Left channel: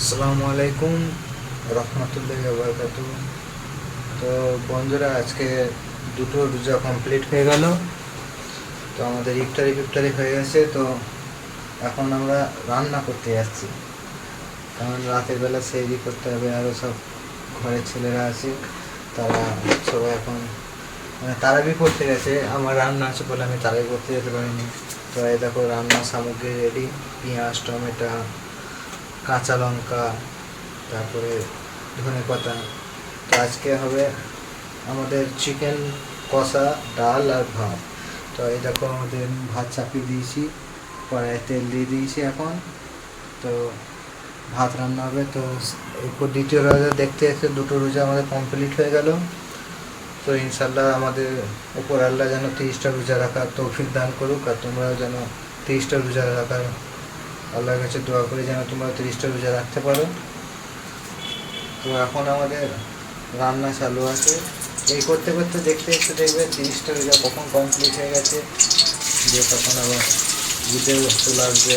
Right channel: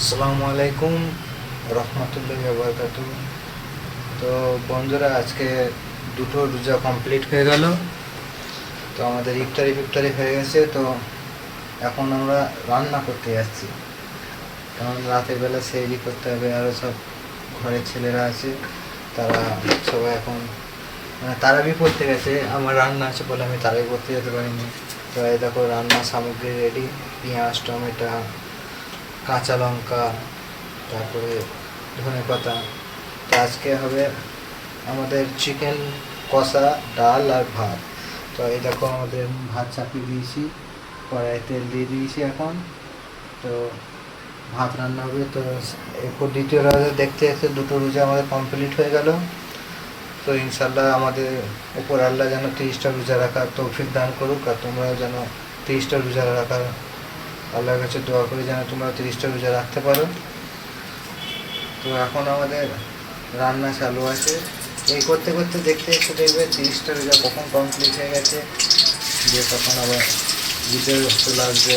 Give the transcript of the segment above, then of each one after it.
আসসালামু আলাইকুম রহমতুল্লাহি ওয়া বারাকাতুহু। তো বন্ধুরা, আজকে দুটো রোজা কমপ্লিট হয়ে গেল। তো আমাদের ইফতারি হয়ে গেছে। তো এখন আমরা রান্না করতে যাচ্ছি, কারণ রাতের বেলা সেহরি করতে হবে। আরও সব ঘরের ছেলেরা আছে, তারা সবাই এখন তারাবি পড়তে গেছে। আমার রান্না আছে বলে আমি তারাবি করতে যেতে পারিনি। তো এই দেখো, রান্নার সামগ্রী রেডি: পেঁয়াজ, টমেটো, কাঁচা লঙ্কা, তারপরে ধনেপাতা। তো আজকে হবে আমাদের চিকেন কষা, ডাল আর ভাত। তো এই দেখো, আমাদের ভাত চাপিয়ে দিয়েছি, কড়াইয়ে তেল দিয়ে দিয়েছি এখন। তো ভাত রান্না হবে। তো এরপর দ্বিতীয় রোজা দেখতে দেখতে দুটো রোজা আমাদের কমপ্লিট হয়ে গেল। তো ইনশাল্লাহ আমাদের উপর আল্লাহ যেন 30টা রোজা রাখার তৌফিক দান করুক, আর তোমরাও যেন 30টা রোজা রাখার আল্লাহর কাছে দোয়া করি যেন তোমরা 30টা রোজা রাখতে পারো। তো এখন আমাদের রান্না চালু আছে। এই করতে করতে দেখতে দেখতে দেখবে 30টা রোজা কখন কমপ্লিট হয়ে গেছে, দিয়ে তখন আবার ঈদের চলে আসবে।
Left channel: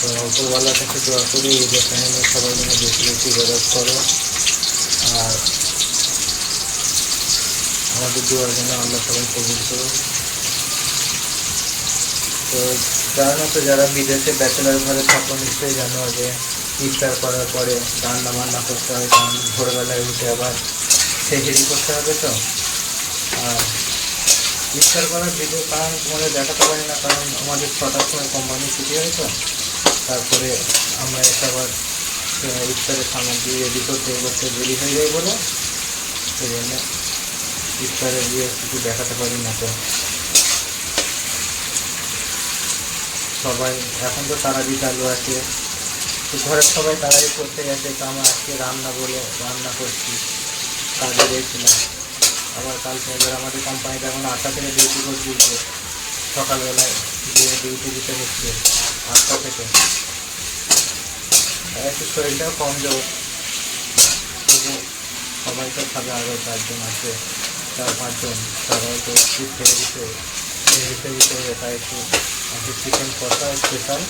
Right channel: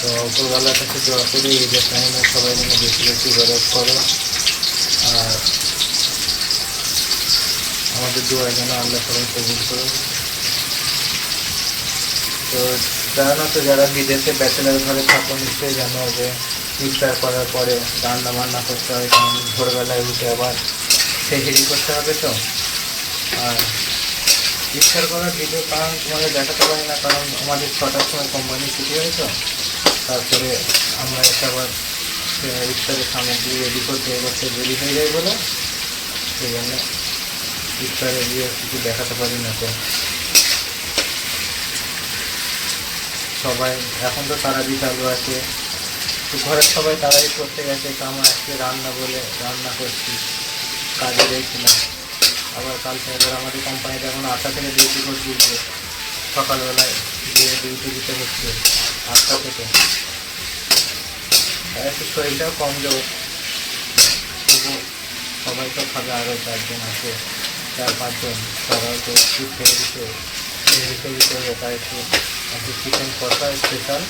তো উপরওয়ালার কাছে দোয়া করি ঈদের টাইমে সবাই যেন বেশি বেশি ইবাদত করো, আর আমাদের দোয়া যেন আল্লাহ সবাই কবুল করো। তো জানো তো, যারা বিদেশে ব্যাচেলার ঘরে থাকো নিশ্চয়ই জানো যে ইফতার করার পরে রান্না বান্না করতে হয়, কারণ ভোরবেলায় উঠে আবার সেহরি করতে হবে। তো আর ইফতার করার ভিডিও কারণ তোমাদের দেখাতে পারি না, কারণ আমাদের 6টার সময় কোম্পানি ছুটি হয়। তো তারপরে আমরা এসে আবার ইফতারের সামগ্রী রেডি করতে করতে দেরি হয়ে যায় বলে সেই জন্য ইফতারের কিছু দেখাতে পারি না। তো সবাই এখন তো তারাবি চালু আছে, তো ঘরের সবাই তারাবি করতে গেছে। তো আমরা আজকে রান্না বলে রান্না করছি, কাজে গিয়েছিলাম। আবার কালকে এবার আমাদের কোম্পানিতে এখন 8টা থেকে ডিউটি করছি, সকালবেলায় গিয়ে ডিউটি দিতে হচ্ছে 8টা থেকে। একটু শরীরটাও কম যাবো, তবু সবাই তো খাবে। আরও 4জন আছে, 4-5 জন, তারাও তো একটু খেয়ে করে তাই একটু চিকেন কষা স্পেশাল।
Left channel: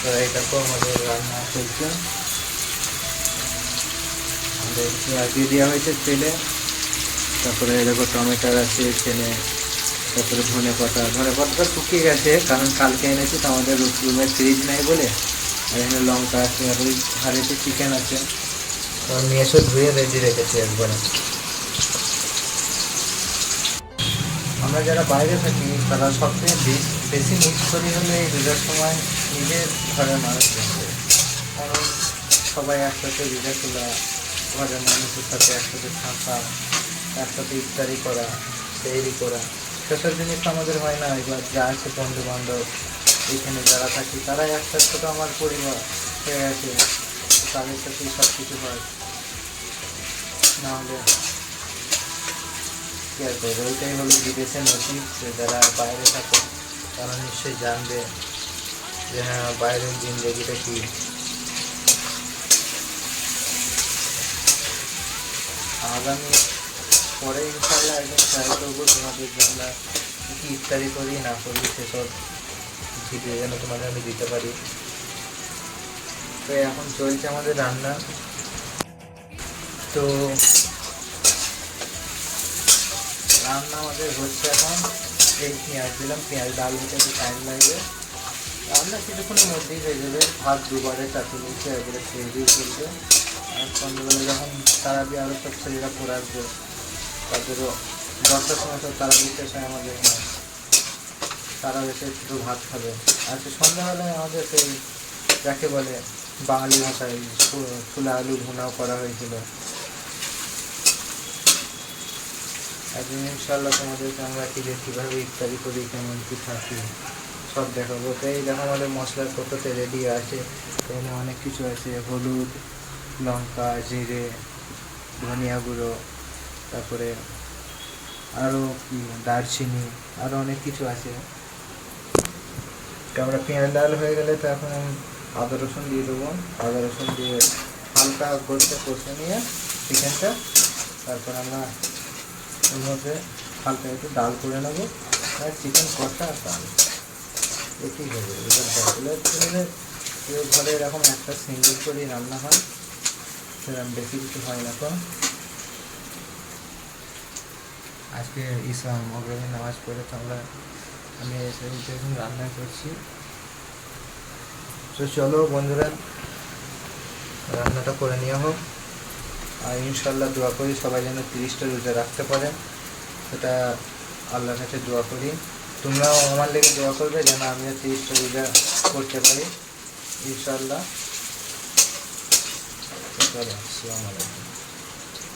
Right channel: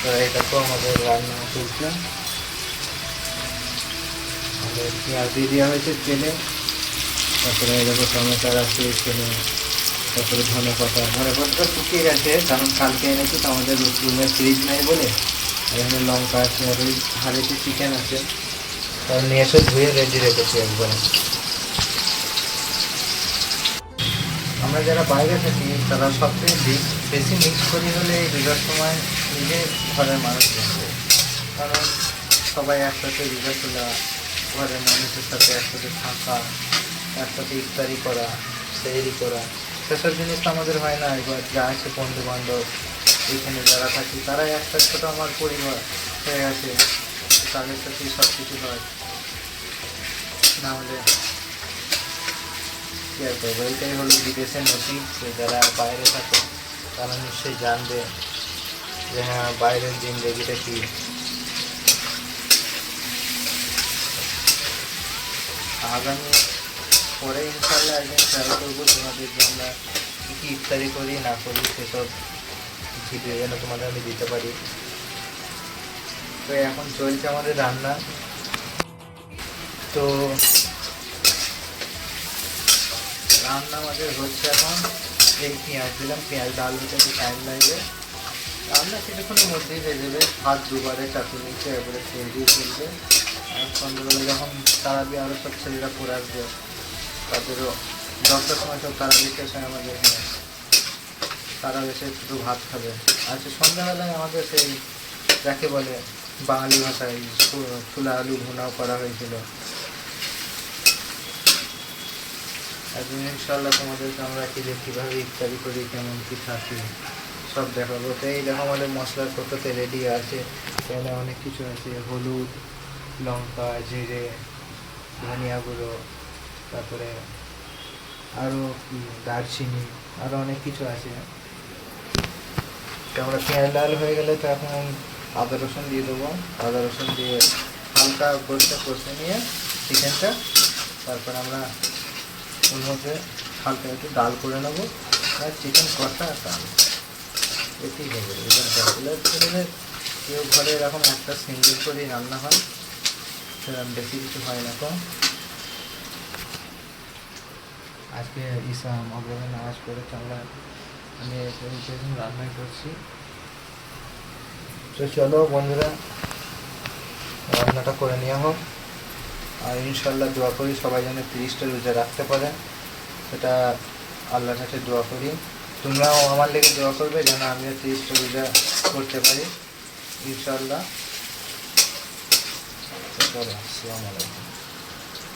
তো এটা তো আমাদের রান্না চলছে। আমাদের পেঁয়াজ দিয়ে দেওয়া হয়েছে তেলে, তারপরে এরকম টমেটোর আছে এখানে, তারপরে ধনেপাতাটা শুকিয়ে গেছে, কারণ কালকে এনেছি তো আমাদের রুমের ফ্রিজ নাই বলে। আর এখানে লঙ্কা আছে, আর ওই ধারে তো চিকেন আছে, তাই নিয়ে এসে ধুয়ে রেডি রেখেছি একবারে। আমরা যারা বাইরে থাকি তারা সবচেয়ে বেশি মিস করি হলে এই রোজার সময় নিজের ঘরের মানুষ দেখবে, কারণ সবাই একসাথে রোজা তোলা, ঘরের মানুষের সাথে একসাথে থাকা, একসাথে ইফতারি করা, সেহরি করা, সেসব জিনিস তো আমাদের হয় না। এবার যা আছে বন্ধু বান্ধব, এখানে যারা থাকি তারাই একসাথে, তো আমার পরিবার হয়ে গেছে, তাদের সাথেই সব কিছু হয়। না হলে কী আর করবো। এইটাই হলো বিদেশের নসিব, যে যারা বাইরে থাকে তারা নিশ্চয়ই জানবে যে হ্যাঁ, বাইরের জিন্দেগিটা কী। আগামী পরে ইনশাল্লাহ একদিন ট্রাই করবো তোমাদের যে আমরা কী ইফতারি করি না করি সেসব ভিডিও যেন তোমাদের আমি দিতে পারি। তো এখন চলছে আমাদের রান্না। তো রান্না আমাদের হচ্ছে এখন। এই পেঁয়াজ দিলাম, পেঁয়াজ ডাল হতে একটু টাইম লাগবে, রান্না কিছুক্ষণের মধ্যেই হয়ে যাবে। ভাত দুবারে চাপিয়ে নিচ্ছে, এবারে খেয়ে দিয়ে চলবে। আর সন্ধ্যাবেলা যখন তারাবি আরও সব ছেলেরা পড়ে আসবে, তাদেরও 10টার সময় সব তারাবি শেষ হয় আমাদের এখানে, তারা এসে একটু ভাত খাবে। আচ্ছা, সন্ধ্যাবেলায় আমাদের সেই যাকে বলে বাঙালি ভাষায় ছোলা আলু ভুনাও করা হয়েছিল। একদিন ইনশাল্লাহ তোমাদেরকে আমরা কীভাবে ইফতারি করি, কেমন কী থাকি সব দেখাবো। তো এই দেখো, আমাদের মশলার কৌটোতে রেডি আছে, এখানে অনেক কিছু আছে: হলুদ, লঙ্কা, জিরে, ধনিয়া গুঁড়ো, তারপরে আরও দারচিনি, আরও অনেক কিছু আছে। তো আমরা পেঁয়াজ লাল হয়ে গেলে তো এখন আদা রসুন দিয়ে দেবো। আদা রসুন দিয়ে হালকা কষে নিয়ে চিকেনটা, তারপর আমরা ওর মধ্যে হালকা একটু ডাল করে নেবো, আর চিকেন কষা আর ডাল এটি হবে। এবার কেউ ঘরে এরকম একটা সিঙ্গেল করেই রান্না হয়, সেরকম বেশি কিছু হয় না। তো আজকে ঈশা মগরবের নামাজ পড়ে তো আমি এসে এখন রান্না করছি। তো চলো বন্ধুরা, রান্নাটা করে নেওয়া হোক। আর ইনশাল্লাহ দোয়া করি সবাই যেন 30টা রোজা রাখতে পারে, সেটা আল্লাহর কাছে দোয়া করি। তোমরাও আমার লেগে দোয়া করবে যেন আমিও 30টা রোজা করতে পারি ইনশাল্লাহ। চলো, আসসালামু আলাইকুম।